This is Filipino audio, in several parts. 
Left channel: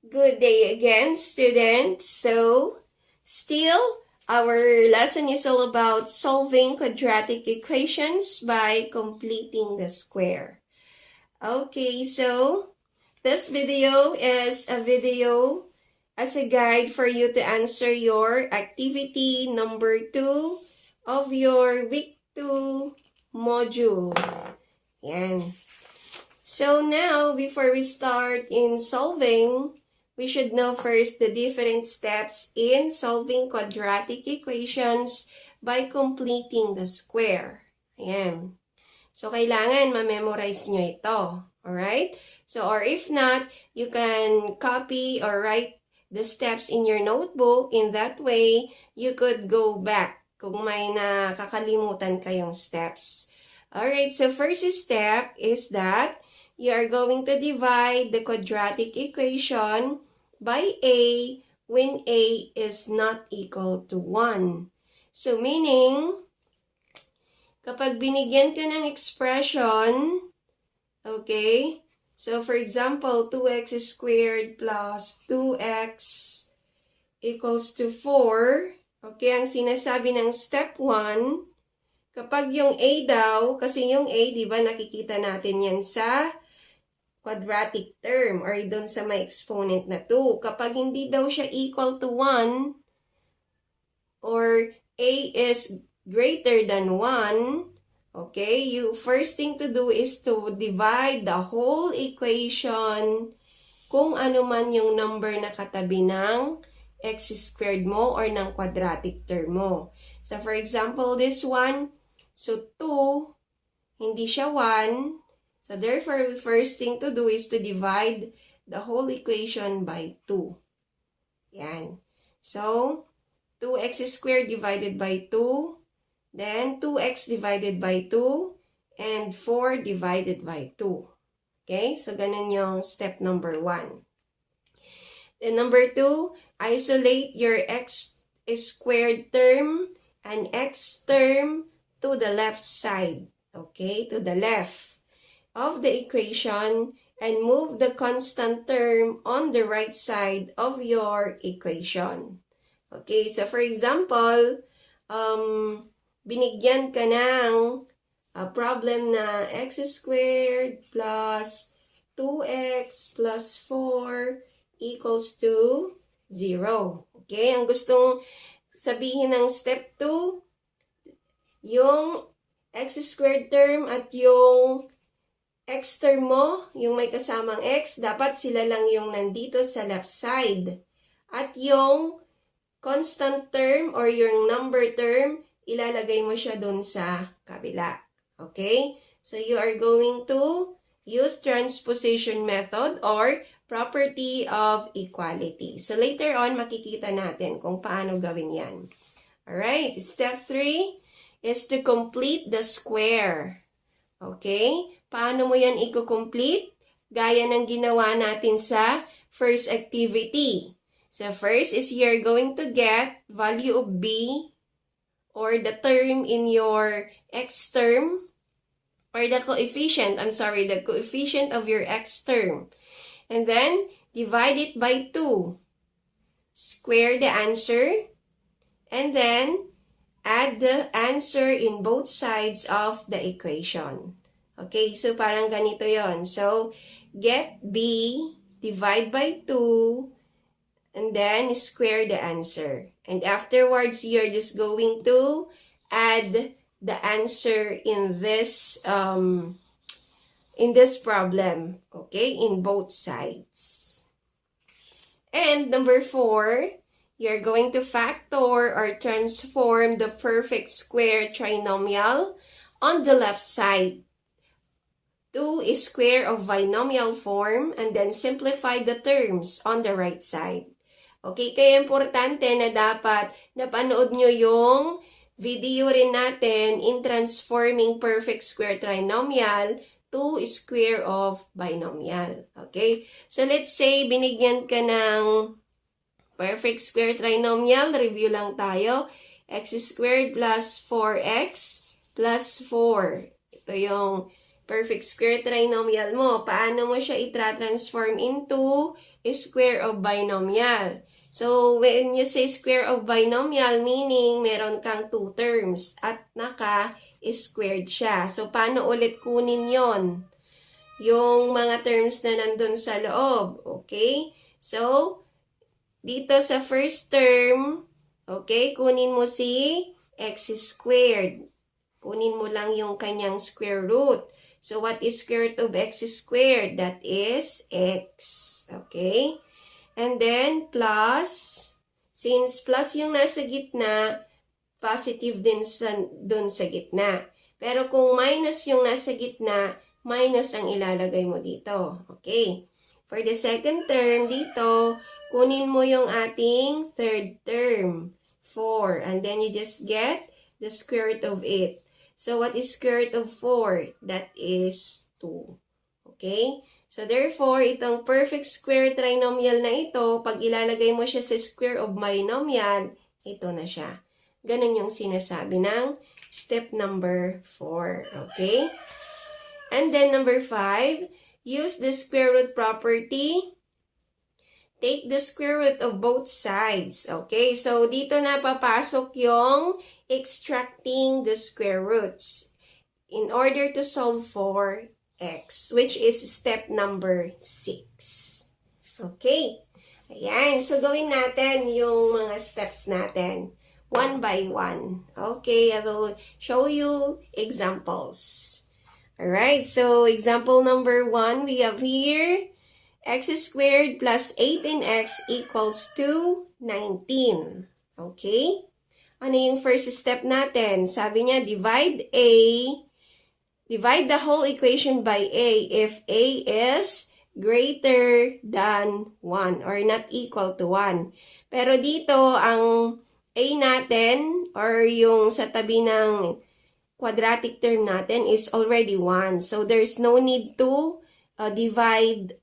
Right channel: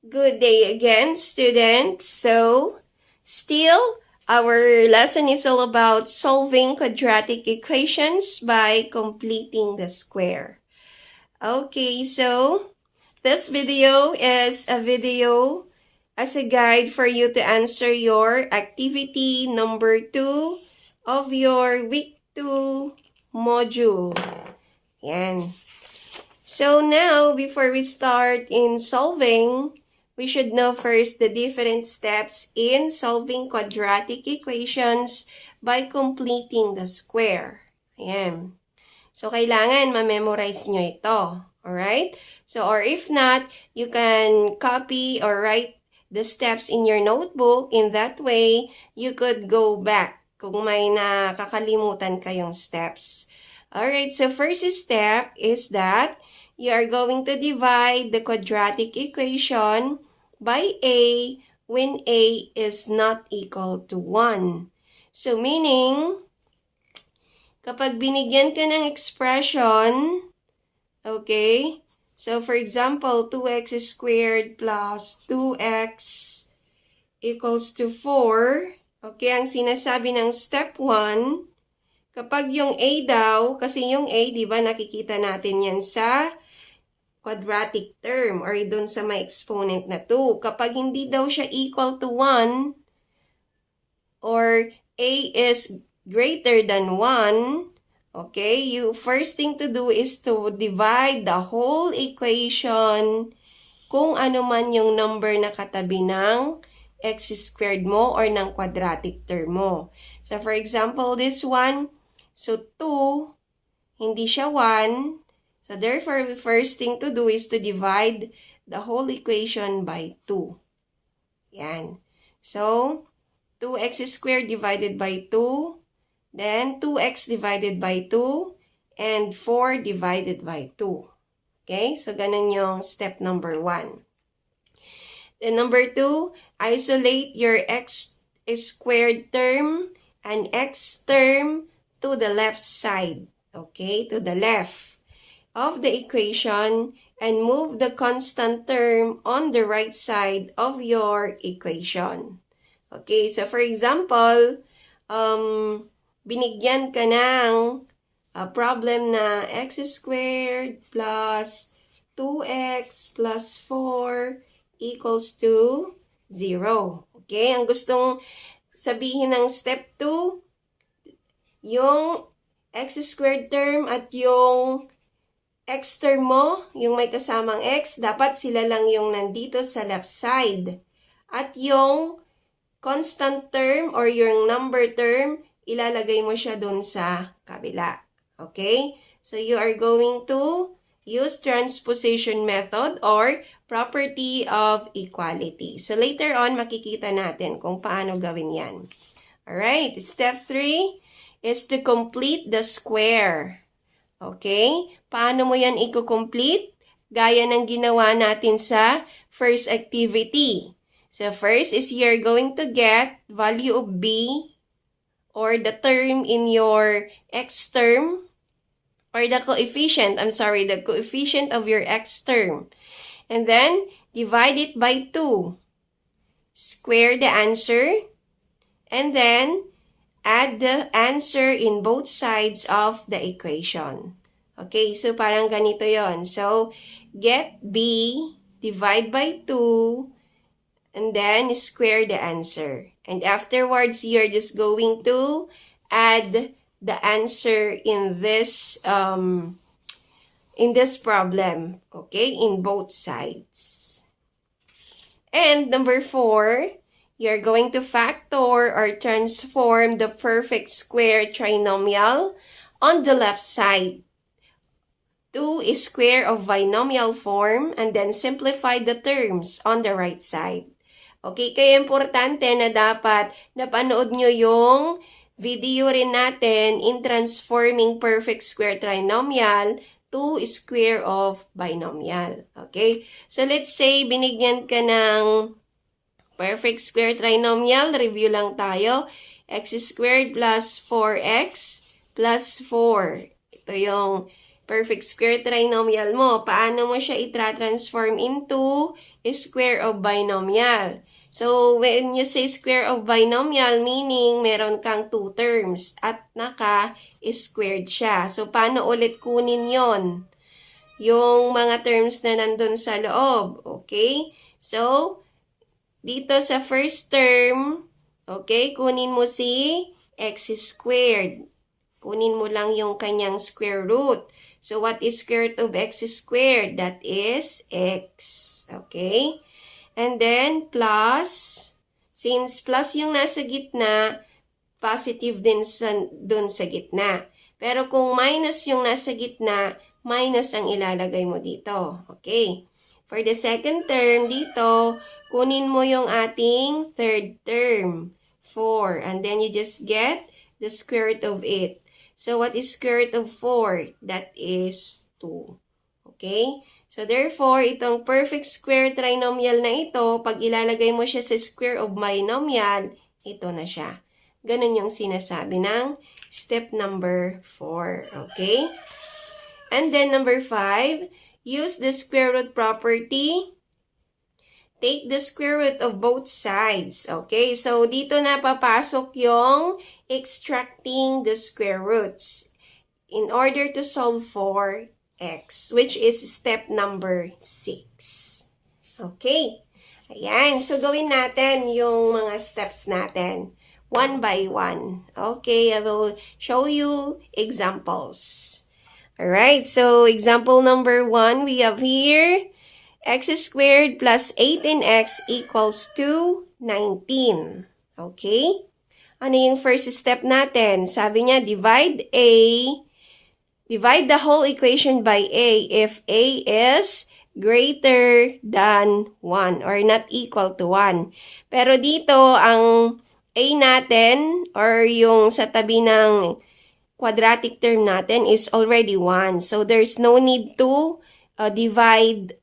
Good day again, students. Still, our lesson is all about solving quadratic equations by completing the square. Okay, so this video is a video as a guide for you to answer your activity number 2 of your week 2 module. Yan. So now, before we start in solving, we should know first the different steps in solving quadratic equations by completing the square. Ayan. So, kailangan ma-memorize nyo ito. Alright? So, or if not, you can copy or write the steps in your notebook. In that way, you could go back kung may nakakalimutan kayong steps. Alright, so first step is that you are going to divide the quadratic equation by a when a is not equal to 1. So, meaning, kapag binigyan ka ng expression, okay, so for example, 2x squared plus 2x equals to 4, okay, ang sinasabi ng step 1, kapag yung a daw, kasi yung a, di ba, nakikita natin yan sa quadratic term or doon sa may exponent na 2. Kapag hindi daw siya equal to 1 or a is greater than 1, okay, you first thing to do is to divide the whole equation kung ano man yung number na katabi ng x squared mo or ng quadratic term mo. So, for example, this one, so 2, hindi siya 1. So, therefore, the first thing to do is to divide the whole equation by 2. Yan. So, 2x squared divided by 2, then 2x divided by 2, and 4 divided by 2. Okay? So, ganun yung step number 1. Then, number 2, isolate your x squared term and x term to the left side. Okay? To the left of the equation and move the constant term on the right side of your equation. Okay, so for example, binigyan ka ng problem na x squared plus 2x plus 4 equals to 0. Okay, ang gustong sabihin ng step 2, yung x squared term at yung x term mo, yung may kasamang x, dapat sila lang yung nandito sa left side. At yung constant term or yung number term, ilalagay mo siya dun sa kabila. Okay? So, you are going to use transposition method or property of equality. So, later on, makikita natin kung paano gawin yan. Alright, step 3 is to complete the square. Okay? Paano mo yan i-complete? Gaya ng ginawa natin sa first activity. So, first is you're going to get value of b or the term in your x term or the coefficient, the coefficient of your x term. And then, divide it by 2. Square the answer. And then, add the answer in both sides of the equation. Okay, so parang ganito yon. So, get b, divide by 2, and then square the answer. And afterwards, you're just going to add the answer in this problem. Okay, in both sides. And number 4, you're going to factor or transform the perfect square trinomial on the left side. 2 is square of binomial form and then simplify the terms on the right side. Okay, kaya importante na dapat napanood nyo yung video rin natin in transforming perfect square trinomial to square of binomial. Okay, so let's say binigyan ka ng perfect square trinomial, review lang tayo, x squared plus 4x plus 4. Ito yung perfect square trinomial mo. Paano mo siya i-transform into square of binomial? So, when you say square of binomial, meaning meron kang 2 terms at naka-squared siya. So, paano ulit kunin yon? Yung mga terms na nandun sa loob. Okay? So, dito sa first term, okay, kunin mo si x squared. Kunin mo lang yung kanyang square root. So, what is square root of x squared? That is x. Okay? And then, plus, since plus yung nasa gitna, positive din dun sa gitna. Pero kung minus yung nasa gitna, minus ang ilalagay mo dito. Okay? For the second term, dito, kunin mo yung ating third term, 4. And then you just get the square root of it. So, what is square root of 4? That is 2. Okay? So, therefore, itong perfect square trinomial na ito, pag ilalagay mo siya sa square of binomial, ito na siya. Ganun yung sinasabi ng step number 4. Okay? And then, number 5, use the square root property. Take the square root of both sides. Okay? So, dito na papasok yung extracting the square roots in order to solve for x, which is step number 6. Okay? Ayan. So, gawin natin yung mga steps natin. One by one. Okay? I will show you examples. Alright. So, example number 1, we have here x squared plus 18x equals to 19. Okay? Ano yung first step natin? Sabi niya, divide the whole equation by a if a is greater than 1 or not equal to 1. Pero dito, ang a natin or yung sa tabi ng quadratic term natin is already 1. So, there's no need to divide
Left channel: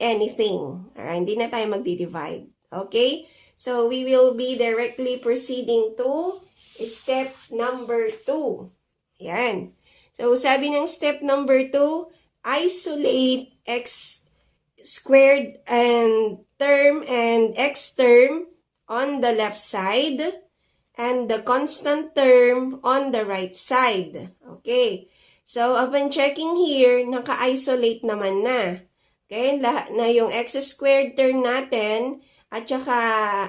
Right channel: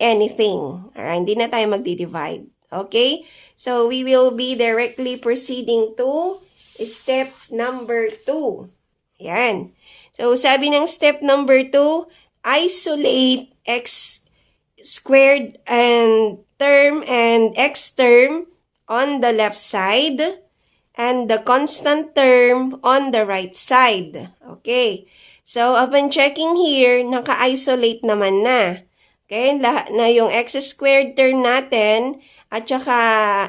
anything. Alright, hindi na tayo magdi-divide. Okay? So, we will be directly proceeding to step number 2. Yan. So, sabi ng step number 2, isolate x squared and x term on the left side and the constant term on the right side. Okay. So, upon checking here, naka-isolate naman na. Okay, lahat na yung x squared term natin at saka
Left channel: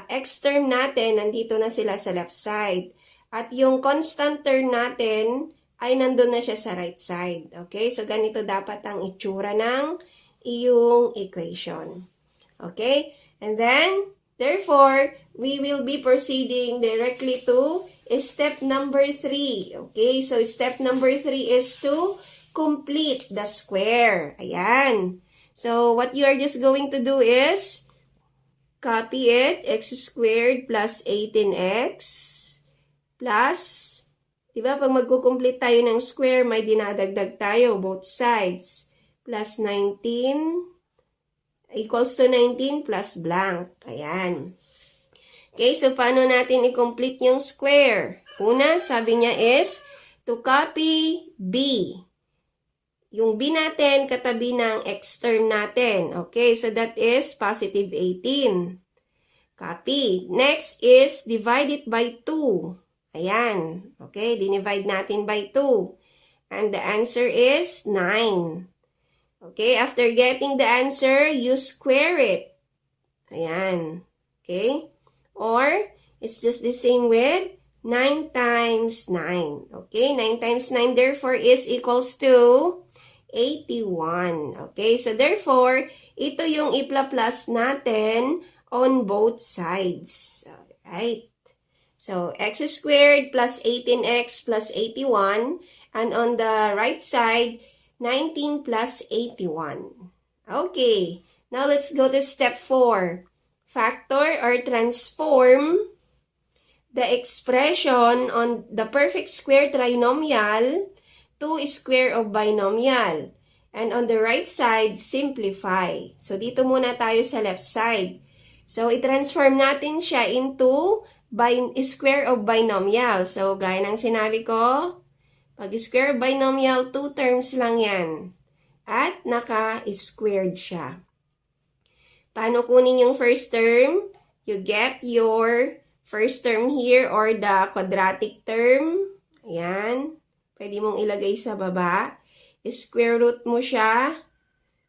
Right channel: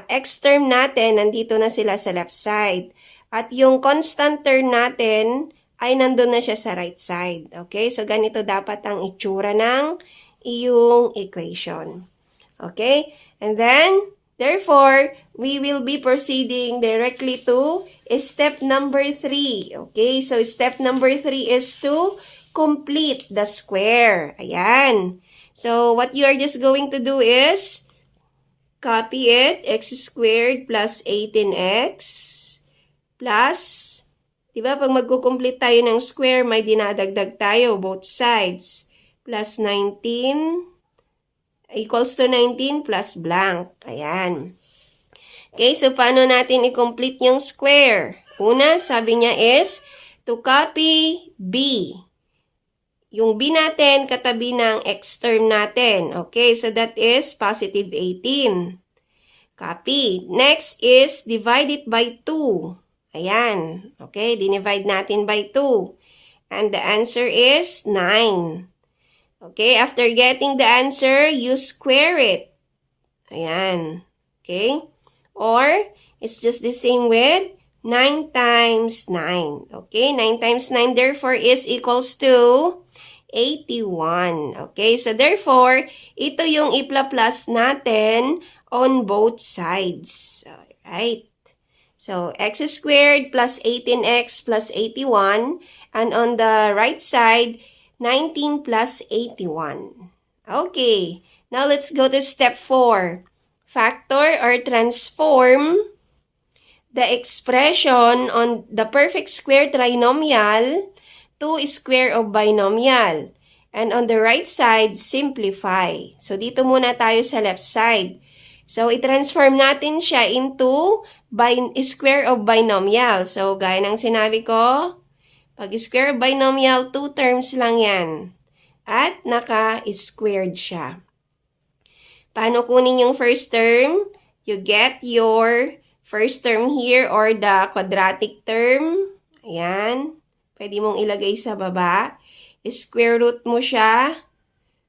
x term natin, nandito na sila sa left side. At yung constant term natin ay nandun na siya sa right side. Okay, so ganito dapat ang itsura ng iyong equation. Okay, and then, therefore, we will be proceeding directly to step number 3. Okay, so step number 3 is to complete the square. Ayan. So, what you are just going to do is copy it, x squared plus 18x plus, diba, pag magkukomplete tayo ng square, may dinadagdag tayo, both sides, plus 19 equals to 19 plus blank. Ayan. Okay, so paano natin i-complete yung square? Una, sabi niya is to copy b. Yung b natin, katabi ng x term natin. Okay, so that is positive 18. Copy. Next is divide it by 2. Ayan. Okay, dinivide natin by 2. And the answer is 9. Okay, after getting the answer, you square it. Ayan. Okay? Or, it's just the same with 9 times 9. Okay, 9 times 9 therefore is equals to 81. Okay, so therefore, ito yung ipla-plus natin on both sides. Alright. So, x squared plus 18x plus 81. And on the right side, 19 plus 81. Okay. Now, let's go to step 4. Factor or transform the expression on the perfect square trinomial to square of binomial. And on the right side, simplify. So, dito muna tayo sa left side. So, i-transform natin siya into square of binomial. So, gaya ng sinabi ko, Pag square of binomial, 2 terms lang yan. At naka-squared siya. Paano kunin yung first term? You get your first term here or the quadratic term. Ayan. Pwede mong ilagay sa baba. Square root mo siya.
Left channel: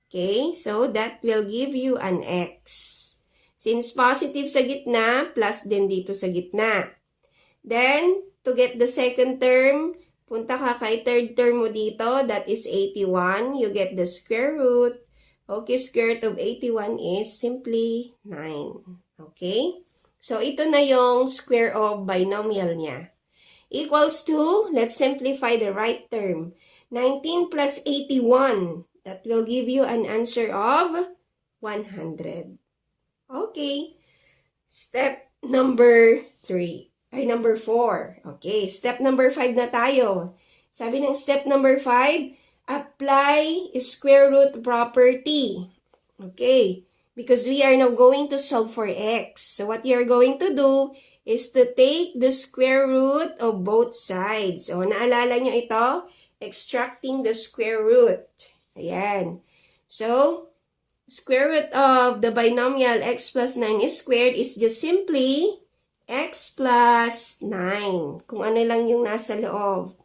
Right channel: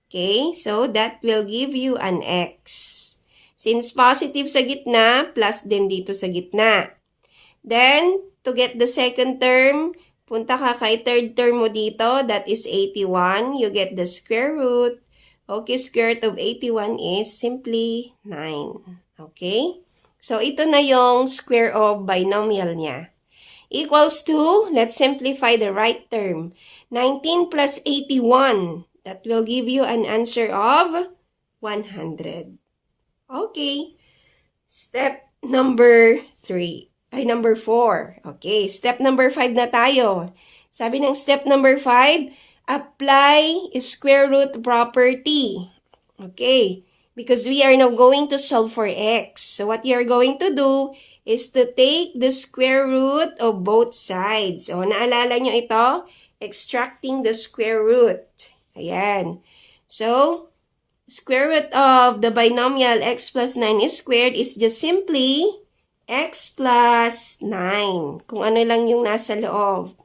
Okay, so that will give you an x. Since positive sa gitna, plus din dito sa gitna. Then, to get the second term, punta ka kay third term mo dito, that is 81. You get the square root. Okay, square root of 81 is simply 9. Okay? So, ito na yung square of binomial niya. Equals to, let's simplify the right term. 19 plus 81. That will give you an answer of 100. Okay. Step number 3. Number 4. Okay. Step number 5 na tayo. Sabi ng step number 5, apply square root property. Okay. Because we are now going to solve for x. So what you are going to do is to take the square root of both sides. O, naalala nyo ito? Extracting the square root. Ayan. So, square root of the binomial x plus 9 is squared is just simply x plus 9. Kung ano lang yung nasa loob.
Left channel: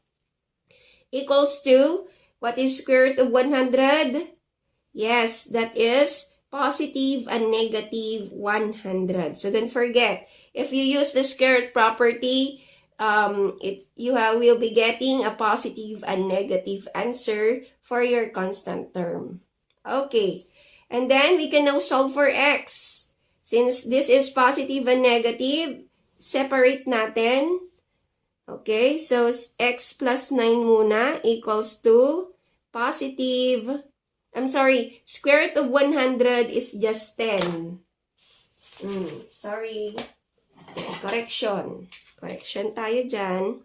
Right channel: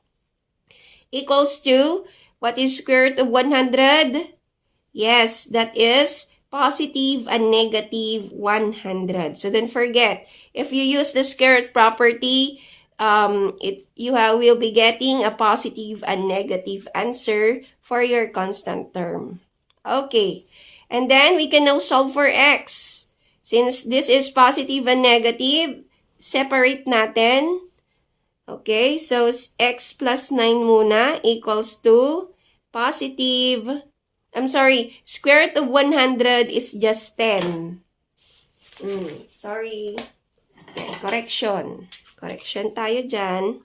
Equals to, what is square root of 100? Yes, that is positive and negative 100. So don't forget, if you use the square root property, you will be getting a positive and negative answer for your constant term. Okay. And then, we can now solve for x. Since this is positive and negative, separate natin. Okay, so x plus 9 muna equals to positive, square root of 100 is just 10. Sorry. Correction. Correction tayo dyan.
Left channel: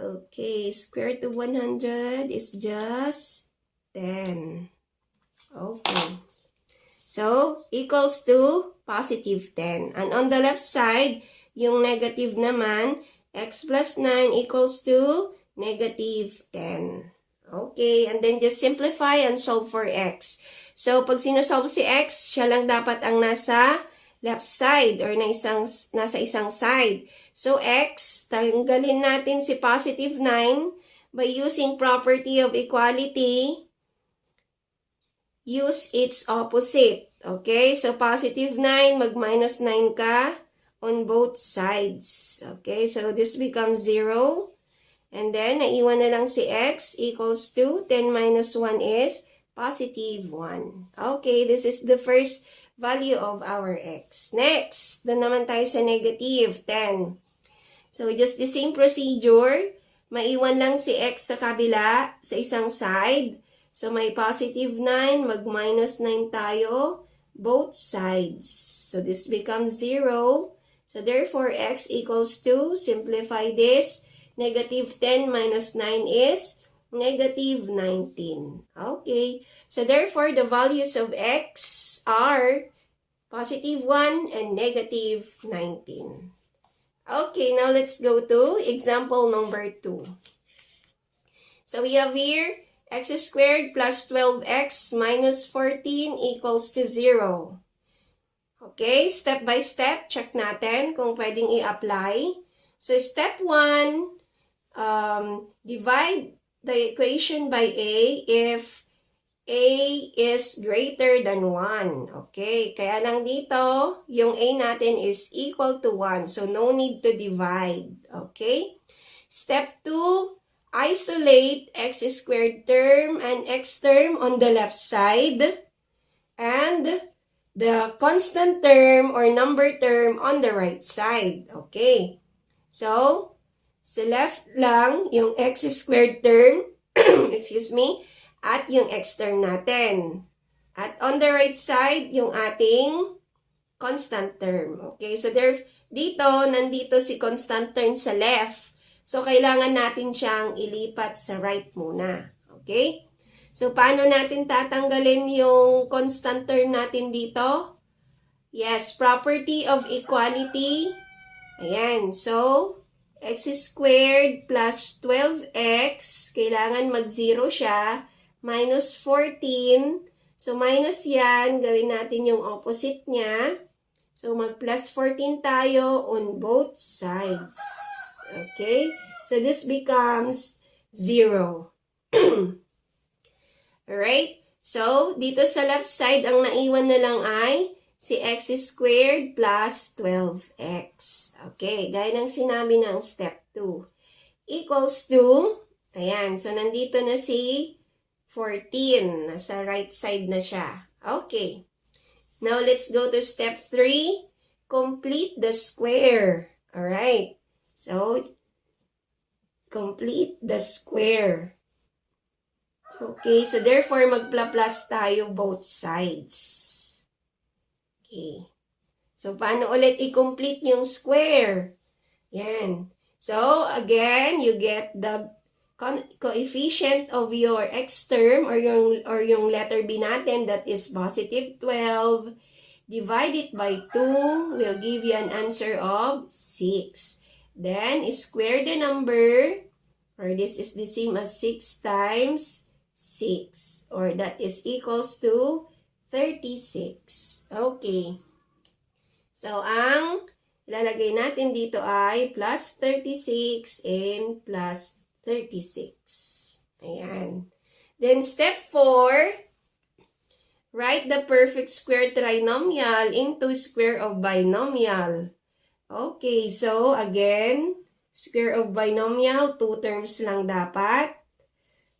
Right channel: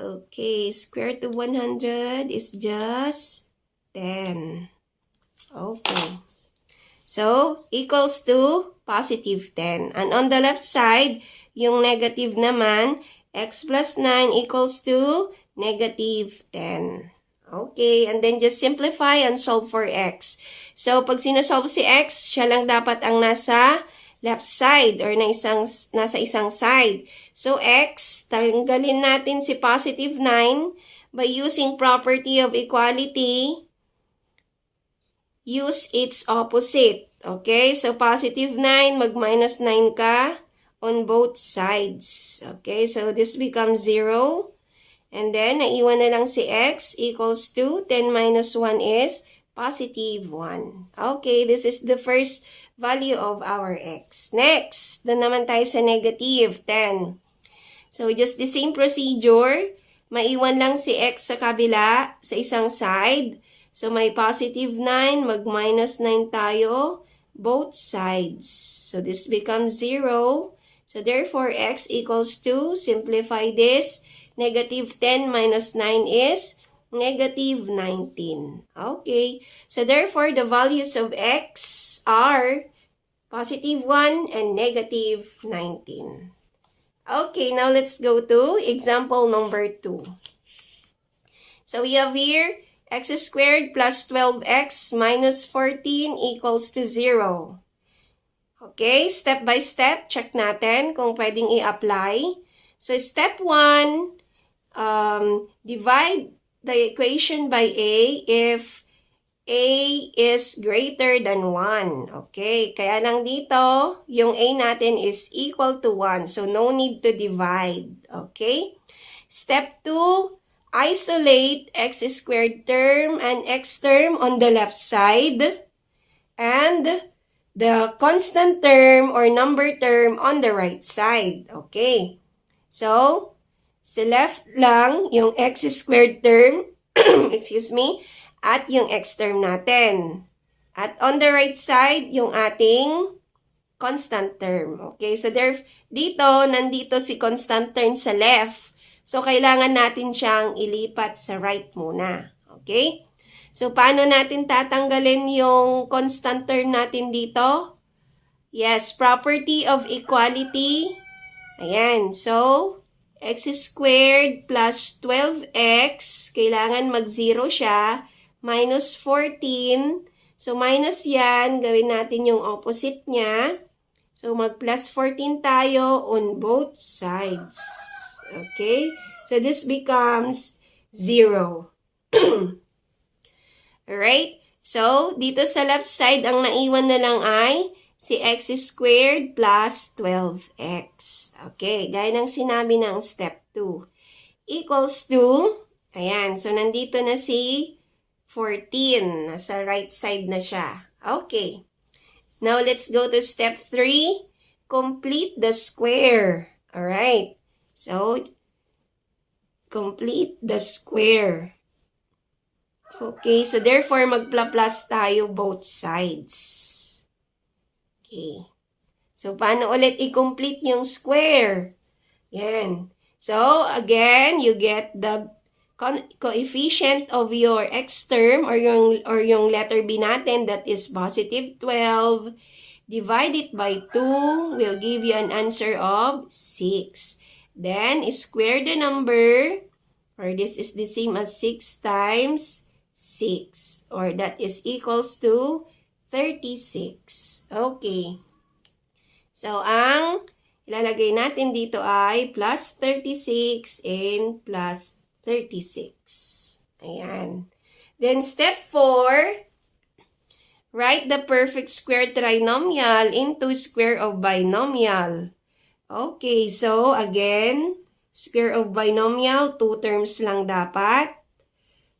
Okay, square root of 100 is just 10. Okay. So, equals to positive 10. And on the left side, yung negative naman, x plus 9 equals to negative 10. Okay, and then just simplify and solve for x. So, pag sinasolve si x, siya lang dapat ang nasa left side or nasa isang side. So, x, tanggalin natin si positive 9 by using property of equality. Use its opposite. Okay? So, positive 9, mag-minus 9 ka on both sides. Okay? So, this becomes 0. And then, naiwan na lang si x equals to 10 minus 1 is positive 1. Okay? This is the first value of our x. Next, doon naman tayo sa negative 10. So, just the same procedure. Maiwan lang si x sa kabila, sa isang side. So, may positive 9, mag-minus 9 tayo, both sides. So, this becomes 0. So, therefore, x equals to, simplify this, negative 10 minus 9 is negative 19. Okay. So, therefore, the values of x are positive 1 and negative 19. Okay, now let's go to example number 2. So, we have here, x squared plus 12x minus 14 equals to 0. Okay, step by step, check natin kung pwedeng i-apply. So, step 1, divide the equation by a if a is greater than 1. Okay, kaya lang dito, yung a natin is equal to 1. So, no need to divide. Okay? Step 2, isolate x squared term and x term on the left side and the constant term or number term on the right side. Okay. So, sa left lang yung x squared term, excuse me, at yung x term natin. At on the right side, yung ating constant term. Okay. So, nandito si constant term sa left. So, kailangan natin siyang ilipat sa right muna. Okay? So, paano natin tatanggalin yung constant term natin dito? Yes, property of equality. Ayan. So, x squared plus 12x, kailangan mag-0 siya, minus 14. So, minus yan, gawin natin yung opposite niya. So, mag-plus 14 tayo on both sides. Okay? So, this becomes 0. Alright? So, dito sa left side, ang naiwan na lang ay si x squared plus 12x. Okay, gaya ng sinabi ng step 2. Equals to, ayan, so nandito na si 14. Nasa right side na siya. Okay. Now, let's go to step 3. Complete the square. Alright. So, complete the square. Okay, so therefore, magpla-plus tayo both sides. Okay. So, paano ulit i-complete yung square? Yan. So, again, you get the coefficient of your x term or yung letter B natin, that is positive 12. Divide it by 2 will give you an answer of 6. Then, square the number, or this is the same as 6 times 6, or that is equals to 36. Okay. So, ang ilalagay natin dito ay plus 36 and plus 36. Ayan. Then, step 4, write the perfect square trinomial into square of binomial. Okay. So, again, square of binomial, 2 terms lang dapat.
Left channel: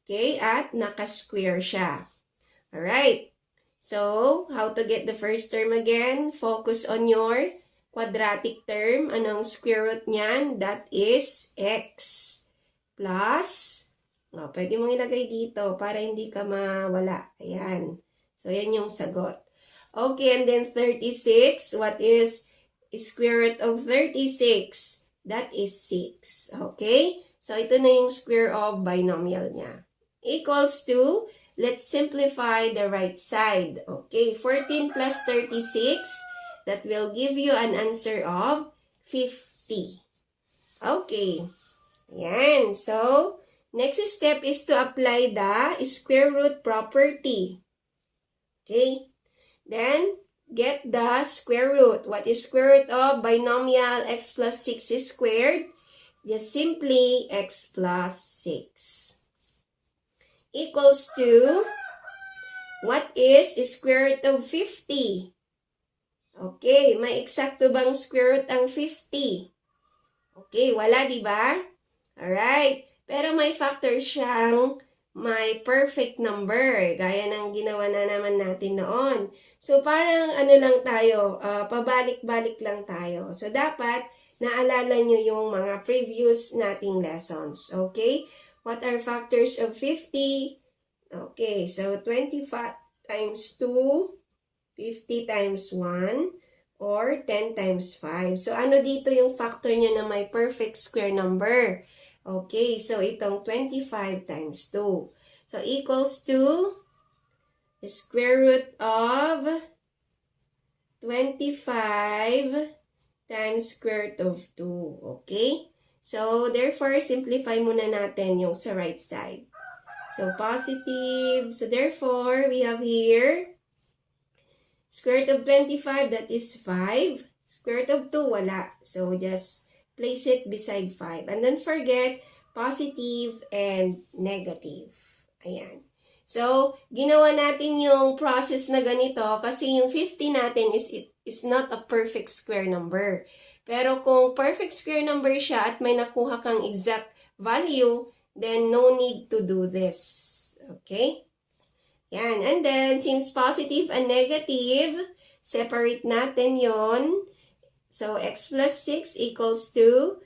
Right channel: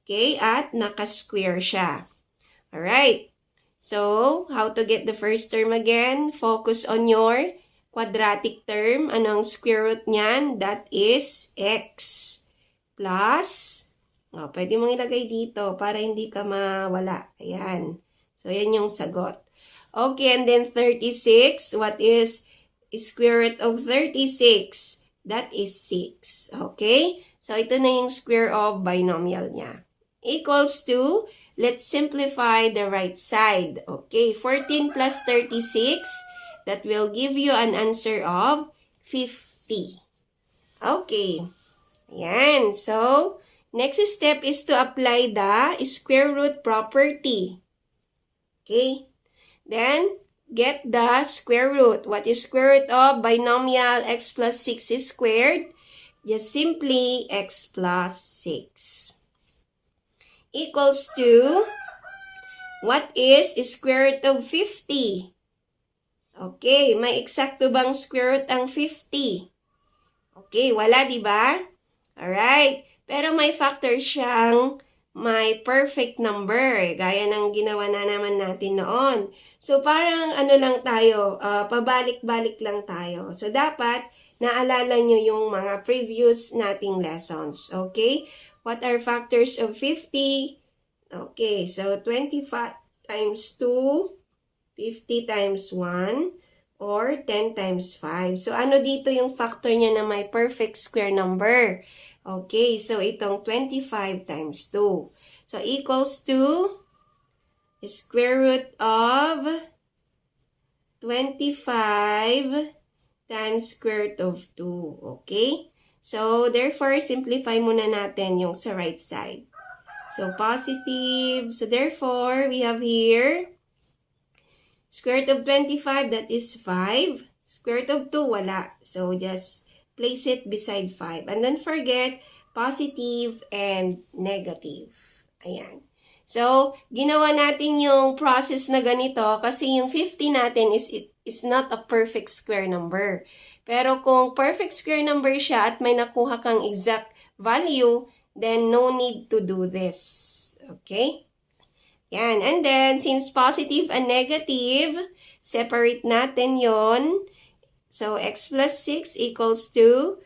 Okay. At naka-square siya. Alright. So, how to get the first term again? Focus on your quadratic term. Anong square root niyan? That is x plus, pwede mong ilagay dito para hindi ka mawala. Ayan. So, yan yung sagot. Okay, and then 36. What is square root of 36? That is 6. Okay? So, ito na yung square of binomial niya. Equals to, let's simplify the right side. Okay, 14 plus 36, that will give you an answer of 50. Okay, ayan. So, next step is to apply the square root property. Okay, then get the square root. What is square root of binomial x plus 6 squared? Just simply x plus 6. Equals to, what is square root of 50? Okay, may eksakto bang square root ang 50? Okay, wala, di ba? Alright, pero may factor siyang may perfect number, gaya ng ginawa na naman natin noon. So, parang ano lang tayo, pabalik-balik lang tayo. So, dapat naalala nyo yung mga previous nating lessons. Okay? What are factors of 50? Okay, so 25 times 2, 50 times 1, or 10 times 5. So, ano dito yung factor niya na may perfect square number? Okay, so itong 25 times 2. So, equals to square root of 25 times square root of 2. Okay? So, therefore, simplify muna natin yung sa right side. So, positive. So, therefore, we have here square root of 25, that is 5. Square root of 2, wala. So, just place it beside 5. And don't forget, positive and negative. Ayan. So, ginawa natin yung process na ganito kasi yung 50 natin is not a perfect square number. Pero kung perfect square number siya at may nakuha kang exact value, then no need to do this. Okay? Yan. And then, since positive and negative, separate natin yon. So, x plus 6 equals to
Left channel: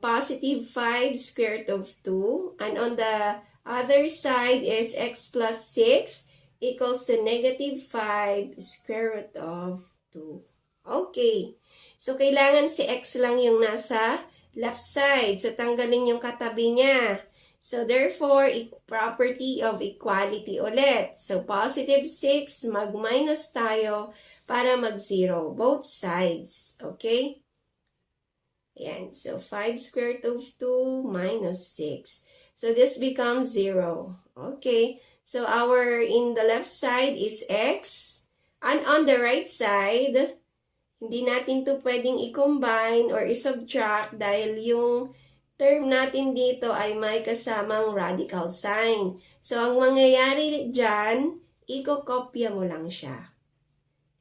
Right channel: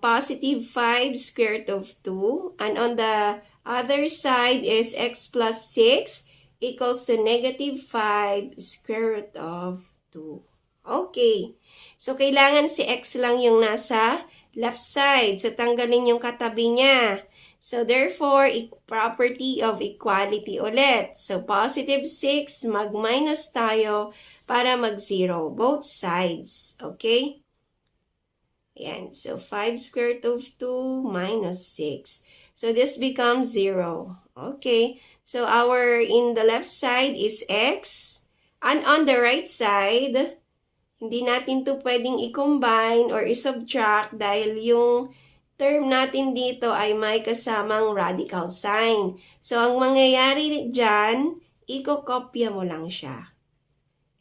positive 5 square root of 2. And on the other side is x plus 6 equals to negative 5 square root of 2. Okay. So, kailangan si x lang yung nasa left side. So, tanggalin yung katabi niya. So, therefore, property of equality ulit. So, positive 6, mag-minus tayo para mag-0. Both sides. Okay? Ayan. So, 5 square root of 2 minus 6. So, this becomes 0. Okay. So, in the left side is x. And on the right side, hindi natin to pwedeng i-combine or i-subtract dahil yung term natin dito ay may kasamang radical sign. So, ang mangyayari dyan, ikokopya mo lang siya.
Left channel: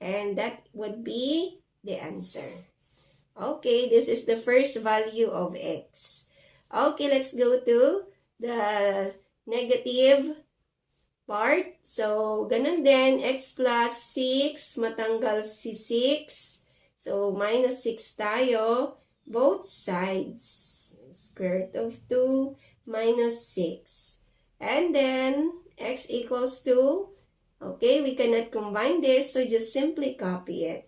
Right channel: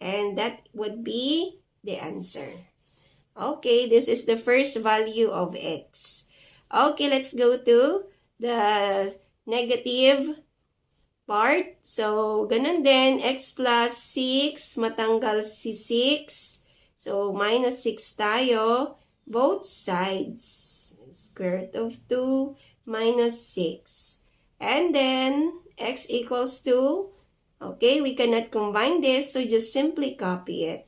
And that would be the answer. Okay, this is the first value of x. Okay, let's go to the negative part. So, ganun din, x plus 6, matanggal si 6. So, minus 6 tayo, both sides. Square root of 2 minus 6. And then, x equals to, okay, we cannot combine this, so just simply copy it.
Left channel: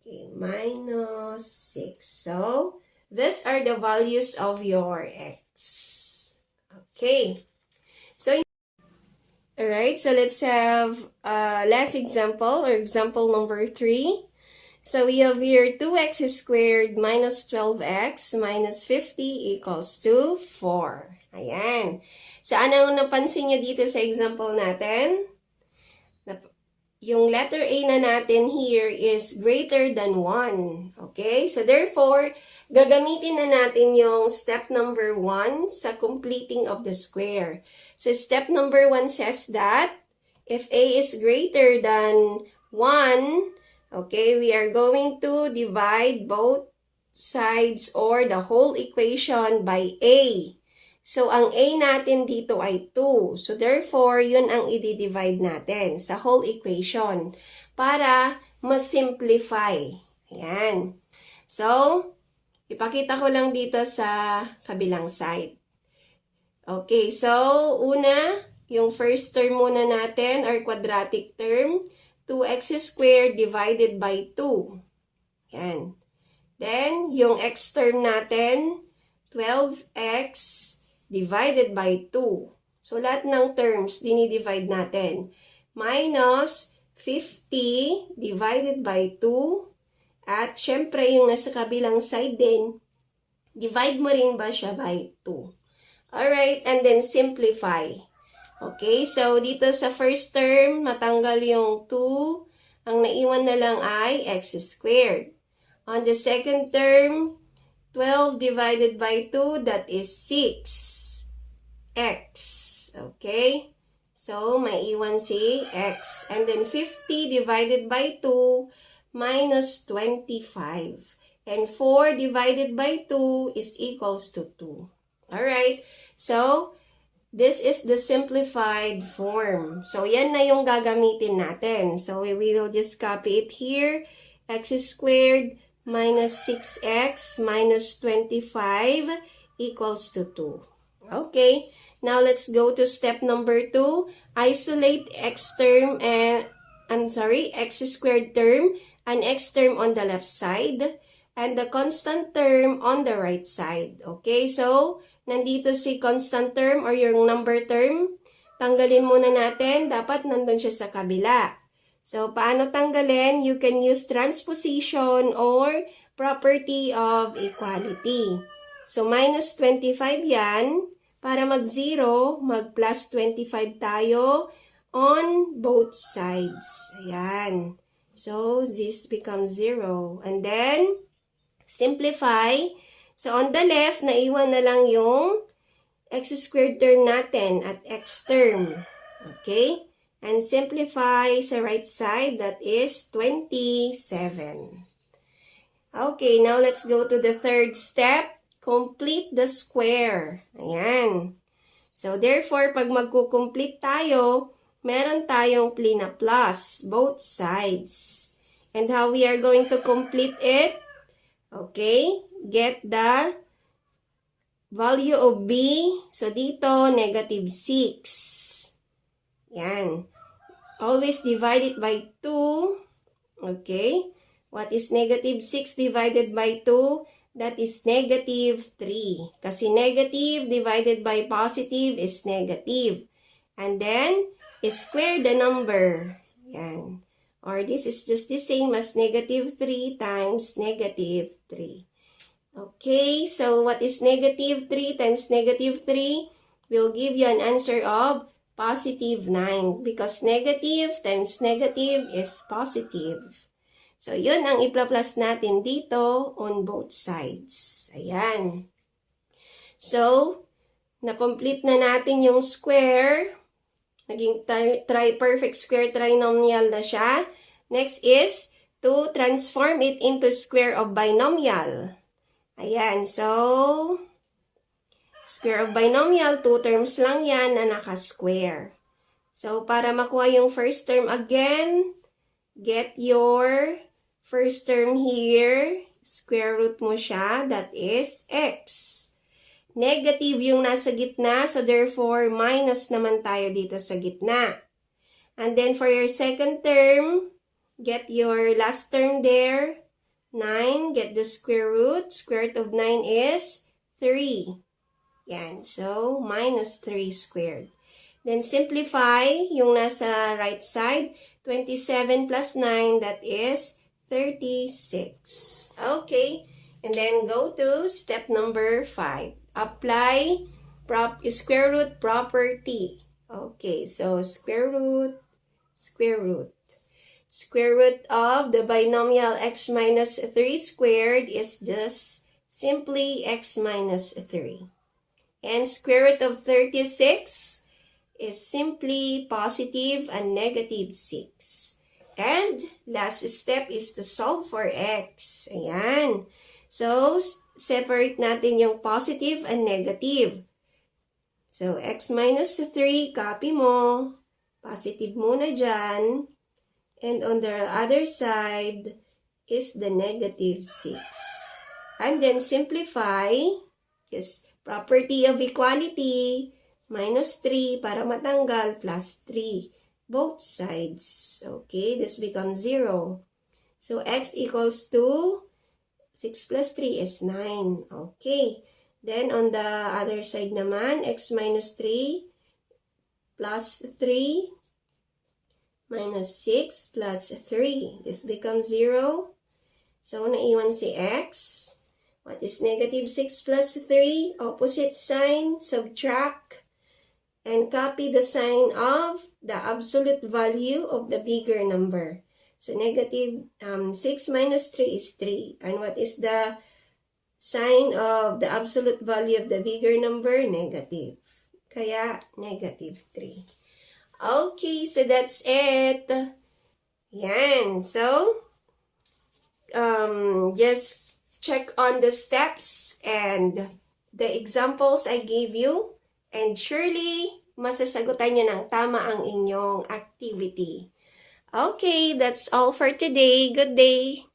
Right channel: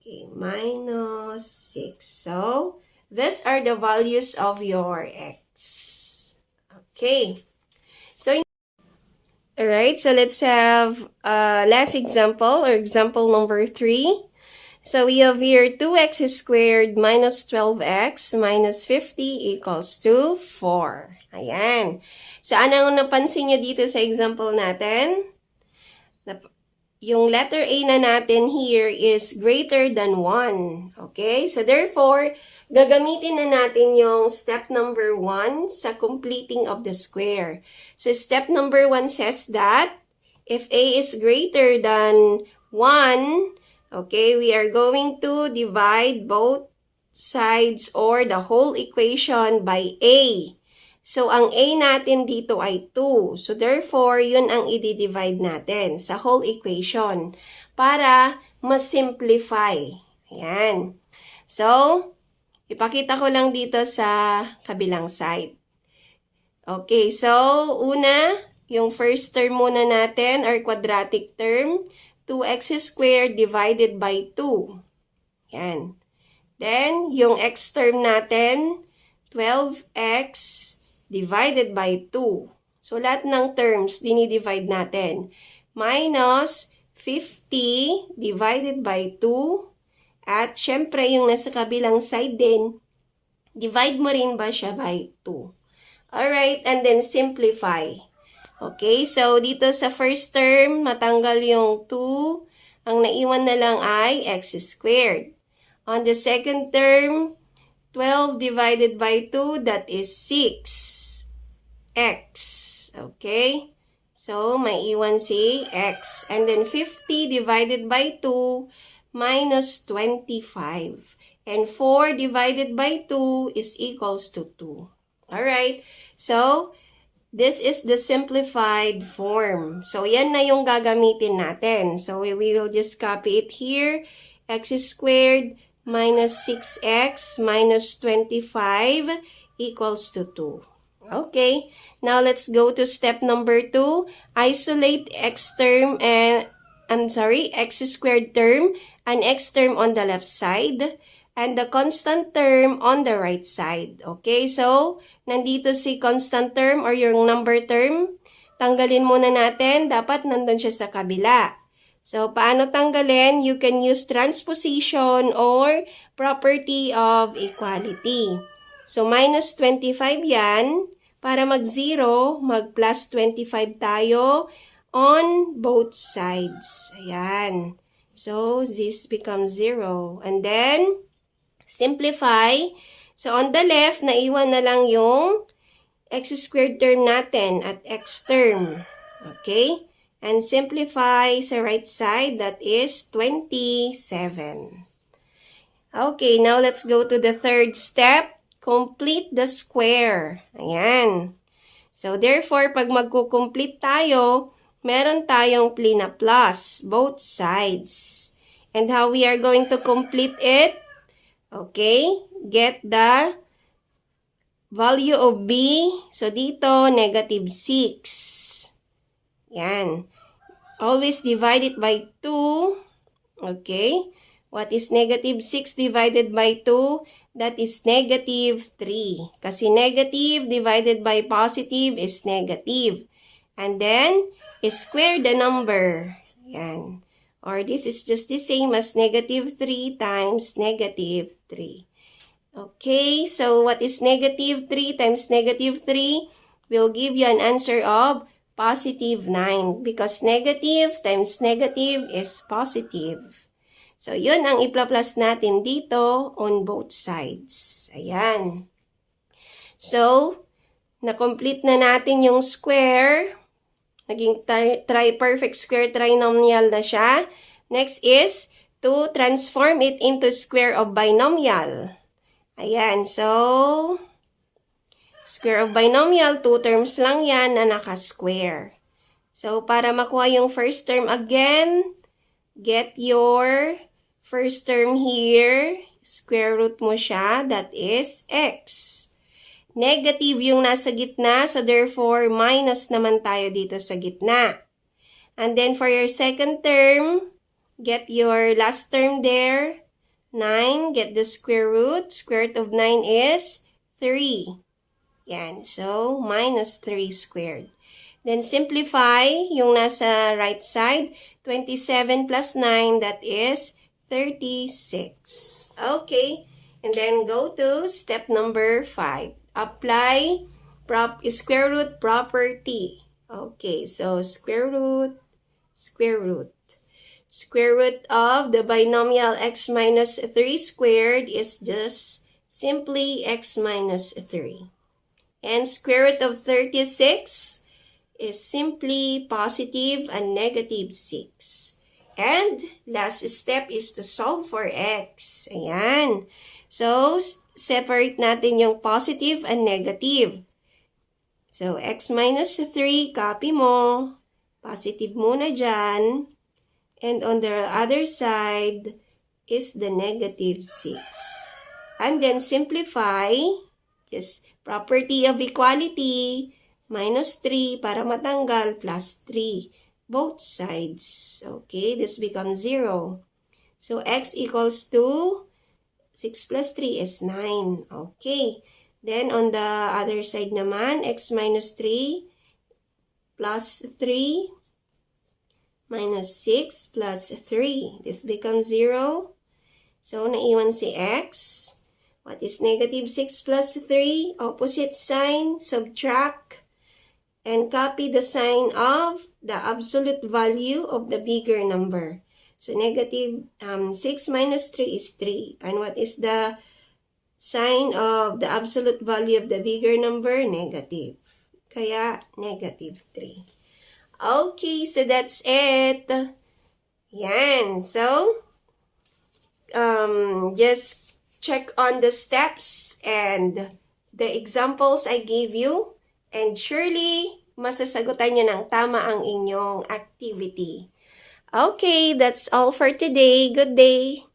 Okay, minus 6. So, these are the values of your x. Okay. So, alright, so let's have last example, or example number 3. So we have here 2x squared minus 12x minus 50 equals to 4. Ayan. So anong napansin nyo dito sa example natin? Yung letter A na natin here is greater than 1. Okay? So therefore, gagamitin na natin yung step number 1 sa completing of the square. So step number 1 says that if A is greater than 1, okay, we are going to divide both sides or the whole equation by A. So, ang A natin dito ay 2. So, therefore, yun ang i-divide natin sa whole equation para ma-simplify. Ayan. So, ipakita ko lang dito sa kabilang side. Okay, so, una, yung first term muna natin, or quadratic term, 2x squared divided by 2. Yan. Then, yung x term natin, 12x divided by 2. So, lahat ng terms, dinidivide natin. Minus 50 divided by 2. At, syempre, yung nasa kabilang side din, divide mo rin ba siya by 2? Alright, and then simplify. Okay, so dito sa first term, matanggal yung 2. Ang naiwan na lang ay x squared. On the second term, 12 divided by 2, that is 6x. Okay, so maiwan si x. And then 50 divided by 2, minus 25. And 4 divided by 2 is equals to 2. Alright, so this is the simplified form. So, yan na yung gagamitin natin. So, we will just copy it here. X squared minus 6x minus 25 equals to 2. Okay. Now, let's go to step number 2. Isolate x term and, x squared term and x term on the left side and the constant term on the right side. Okay. So, nandito si constant term or yung number term, tanggalin muna natin, dapat nandun siya sa kabila. So, paano tanggalin? You can use transposition or property of equality. So, minus 25 yan. Para mag-0, mag-plus 25 tayo on both sides. Ayan. So, this becomes 0. And then, simplify. So, on the left, naiwan na lang yung x squared term natin at x term. Okay? And simplify sa right side, that is 27. Okay, now let's go to the third step. Complete the square. Ayan. So, therefore, pag magkukomplete tayo, meron tayong plina plus, both sides. And how we are going to complete it? Okay, get the value of b. So, dito, negative 6. Yan. Always divide it by 2. Okay. What is negative 6 divided by 2? That is negative 3. Kasi negative divided by positive is negative. And then, square the number. Yan. Or this is just the same as negative 3 times negative 3. Okay, so what is negative 3 times negative 3? Will give you an answer of positive 9 because negative times negative is positive. So, yun ang ipla-plus natin dito on both sides. Ayan. So, na-complete na natin yung square. Naging perfect square trinomial na siya. Next is to transform it into square of binomial. Ayan, so square of binomial, 2 terms lang yan na naka-square. So, para makuha yung first term again, get your first term here, square root mo siya, that is x. Negative yung nasa gitna, so therefore, minus naman tayo dito sa gitna. And then for your second term, get your last term there, 9, get the square root. Square root of 9 is 3. Yan, so minus 3 squared. Then simplify yung nasa right side, 27 plus 9, that is 36. Okay, and then go to step number 5. Apply square root property. Okay, so square root. Square root of the binomial x minus 3 squared is just simply x minus 3. And square root of 36 is simply positive and negative 6. And last step is to solve for x. Ayan. So, separate natin yung positive and negative. So, x minus 3, copy mo. Positive muna dyan. And on the other side is the negative 6. And then simplify. Just property of equality. Minus 3 para matanggal plus 3. Both sides. Okay, this becomes 0. So, x equals to 6 plus 3 is 9. Okay. Then, on the other side naman, x minus 3 plus 3 minus 6 plus 3. This becomes 0. So, naiwan si x. What is negative 6 plus 3? Opposite sign, subtract, and copy the sign of the absolute value of the bigger number. So, negative 6 minus 3 is 3. And what is the sign of the absolute value of the bigger number? Negative. Kaya, negative 3. Okay, so that's it. Yan. So, just check on the steps and the examples I gave you. And surely, masasagutan niyo ng tama ang inyong activity. Okay, that's all for today. Good day.